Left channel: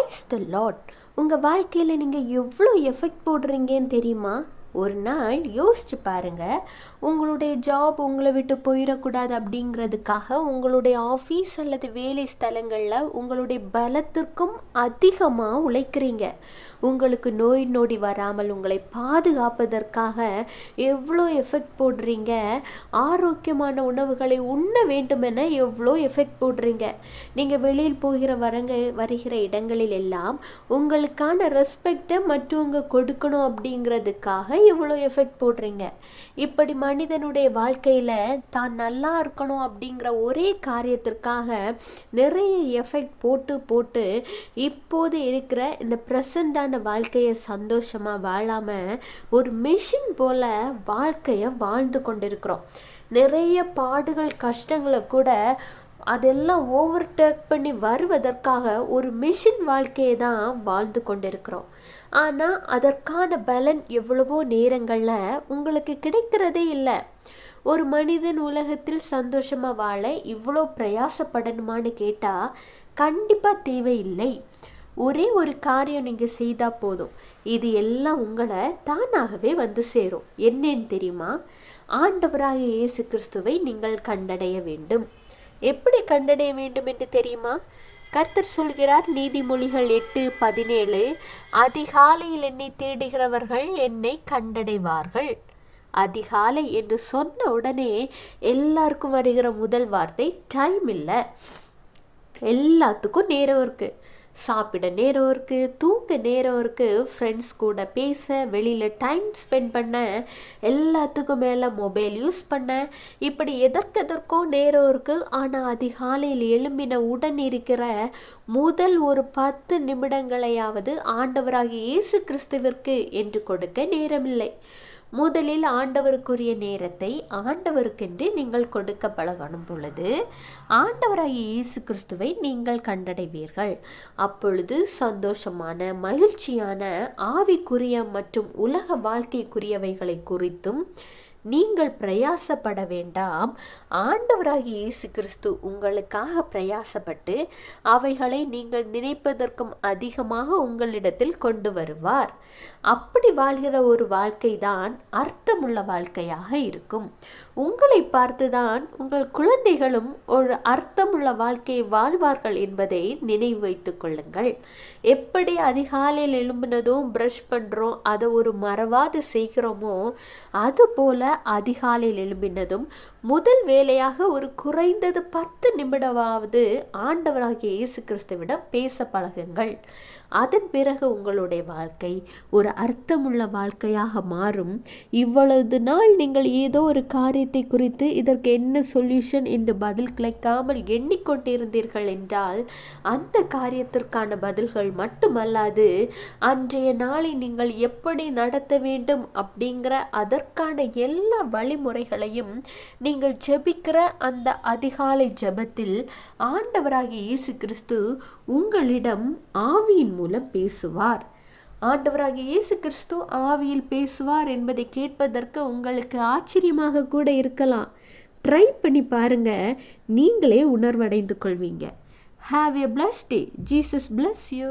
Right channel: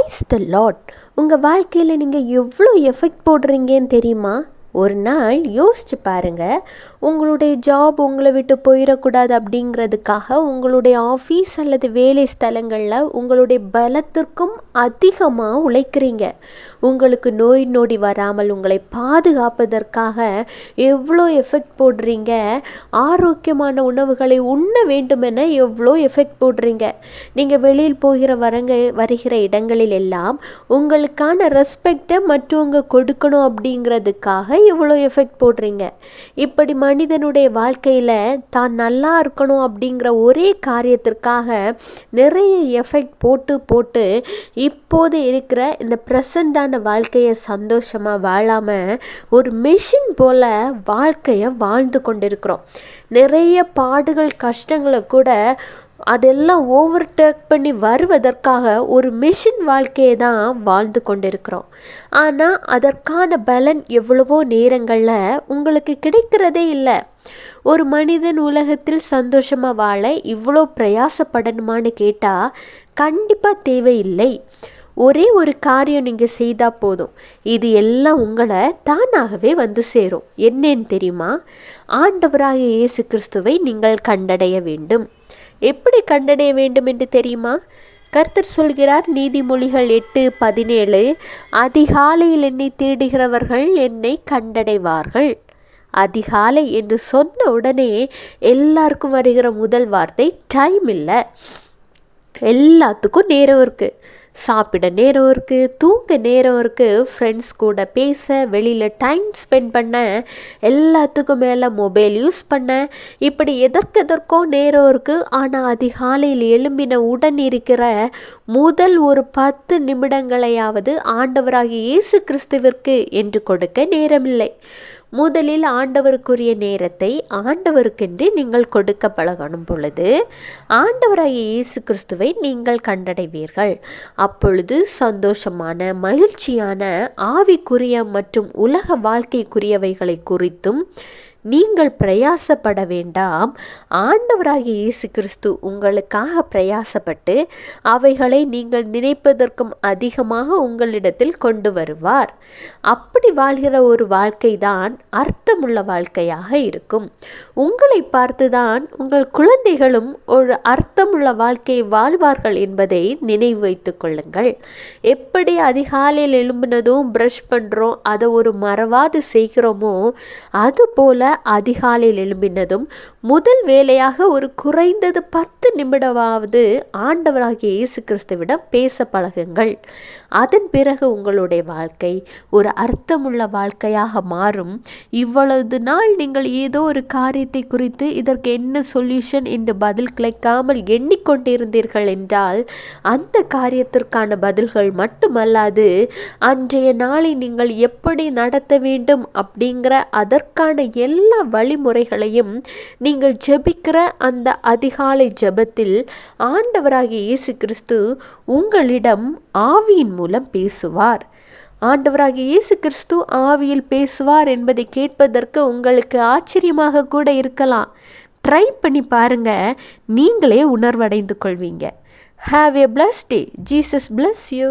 Praise the Lord. உங்கள் வாழ்க்கையில் நீங்கள் எவ்வளோ எஃபெக்ட் போடுறீங்கன்னு தெரியுமா? ஒரு நாள் யோசிச்சு பாருங்கள். உங்களுடைய ஜாப் உங்களை விட்டு போயிடக்கூடாது அப்படிங்கிறதுக்காக உங்களுடைய ஆஃபீஸ் அல்லது வேலை ஸ்தலங்களில் உங்களுடைய பலத்திற்கும் அதிகமாக உழைக்கிறீங்க. உங்களுக்கு நோய் நொடி வராமல் உங்களை பாதுகாப்பதற்காக எவ்வளோ எஃபெக்ட் போடுறீங்க. ஆரோக்கியமான உணவுகளை உண்ண வேண்டுமென எவ்வளோ எஃபெக்ட் போடுறீங்க. நீங்கள் வெளியில் போகிற வருகிற இடங்களில் எல்லாம் உங்களுக்கான ரெஸ்பெக்டை மற்றவங்க கொடுக்கணும் அப்படிங்கிறதுக்காக எவ்வளோ எஃபெக்ட் போடுறீங்க. இப்படி மனிதனுடைய வாழ்க்கையில் தான் நல்லா இருக்கணும் அப்படிங்கிற ஒரே காரியத்திற்காக நிறைய எஃபெக்ட் போட்டு இப்போது இருக்கிற இந்த ப்ரெசண்டான வாழ்க்கையை சந்தோஷமாக வாழாமல் ஒரு மெஷின் போல் வாழ்க்கையை வாழ்ந்து கொண்டிருக்கிறோம். நிறைய பாடுகள் கஷ்டங்களை கூட அதெல்லாம் ஓவர்டேக் பண்ணி வருவதற்காக ஒரு மெஷின் வாழ்க்கையை தான் வாழ்ந்து கொண்டிருக்கிறோம். ஆனால் அதற்கான பலன் எவ்வளவோ நேரங்களில் உங்களுக்கு கிடைக்கிறதே இல்லை. ஒரு மனிதன் உலகத்தில் சந்தோஷமாக வாழ இவ்வளோ பிரயாசப்படணுமான்னு கேட்டால் கண்டிப்பாக தேவையில்லை. ஒரே ஒரு காரியம் நீங்கள் செய்தால் போதும், இது எல்லாம் உங்களை தானாகவே வந்து சேரும். என்னன்னு தெரியுமா? ஆண்டவராகிய இயேசு கிறிஸ்துவை நீங்கள் கண்டடைய வேண்டும். எப்படி கண்டடைய வேண்டும் என்று தெரியுமா? கர்த்தர் சொல்கிறார், நீதிமொழிகள் 8:17, அதிகாலையில் என்னை தேடுகிறவர்கள் என்னை கண்டடைவார்கள். அதிகாலை என்று சொன்ன உடனே எல்லாருக்கும் வருகிற முதல் வார்த்தை டைம் இல்லை. எல்லாத்துக்கும் நேரம் இருக்குது. சாப்பிட நேரம் இருக்குது, தூங்க நேரம் இருக்குது, ஃப்ரெண்ட்ஸ் கூட பேச, வெளியில் டைம் ஸ்பெண்ட் பண்ண, எல்லாத்துக்கும் மேலே மொபைல் யூஸ் பண்ண, இப்படி எதற்கோ நேரம் இருக்குது. ஆனால் அதிகாலையில் எழும்பின உடன் இருக்கிற முதல் ஒரு 10 நிமிடங்களையாவது ஆண்டவராகிய இயேசு கிறிஸ்துவிற்கு என்று கொடுக்க நேரமில்லை. முதலில் ஆண்டவருக்குரிய நேரத்தை ஆண்டவருக்கென்று நீங்கள் கொடுக்க பழகணும் பொழுது ஆண்டவராகிய இயேசு கிறிஸ்துவை நீங்கள் கண்டடைவீர்கள். அப்பொழுது சந்தோஷமான, மகிழ்ச்சியான, ஆவிக்குரிய மற்றும் உலக வாழ்க்கைக்குரியவைகளை குறித்தும் நீங்கள் பிரயாசப்பட வேண்டாம். ஆண்டவராகிய இயேசு கிறிஸ்து உங்களுக்காக பிரயாசப்பட்டு அவைகளை நீங்கள் நினைப்பதற்கும் அதிகமாக உங்களிடத்தில் கொண்டு வருவார். அப்படி வாழ்கிற ஒரு வாழ்க்கை தான் அர்த்தமுள்ள வாழ்க்கையாக இருக்கும். உங்களை பார்த்துதான் உங்கள் குழந்தைகளும் ஒரு அர்த்தமுள்ள வாழ்க்கையை வாழ்வார்கள் என்பதை நினைவு வைத்து கொள்ளுங்கள். எப்படி அதிகாலையில் எழும்பினதும் ப்ரஷ் பண்ணுறோம், அதை ஒரு மறவாது செய்கிறோமோ, அதுபோல அதிகாலையில் எழும்பினதும் முதல் வேலையாக ஒரு குறைந்தது 10 நிமிடமாவது ஆண்டவராகிய இயேசு கிறிஸ்துவிடம் பேச பழகுங்கள். அதன் பிறகு உங்களுடைய வாழ்க்கை ஒரு அர்த்தமுள்ள வாழ்க்கையாக மாறும். இவ்வளவு நாள் நீங்கள் ஏதோ ஒரு காரியத்தை குறித்து இதற்கு என்ன சொல்யூஷன் என்று பதில் கிடைக்காமல் எண்ணிக்கொண்டிருந்தீர்கள் என்றால் அந்த காரியத்திற்கான பதில்கள் மட்டுமல்லாது அன்றைய நாளை நீங்கள் எப்படி நடத்த வேண்டும் அப்படிங்கிற அதற்கான எல்லா வழிமுறைகளையும் நீங்கள் ஜெபிக்கிற அந்த அதிகாலை ஜெபத்தில் ஆண்டவராகிய இயேசு கிறிஸ்து உங்களிடம் ஆவியின் மூலம் பேசுவார். ஆண்டவராகிய இயேசு கிறிஸ்து ஆவியில் பேசுவார் என்பதை கேட்பதற்கு உங்களுக்கு ஆச்சரியமாக கூட இருக்கலாம். ட்ரை பண்ணி பாருங்க, நீங்களே உணர்வடைந்து கொள்வீங்க. Have a blessed day. Jesus bless you.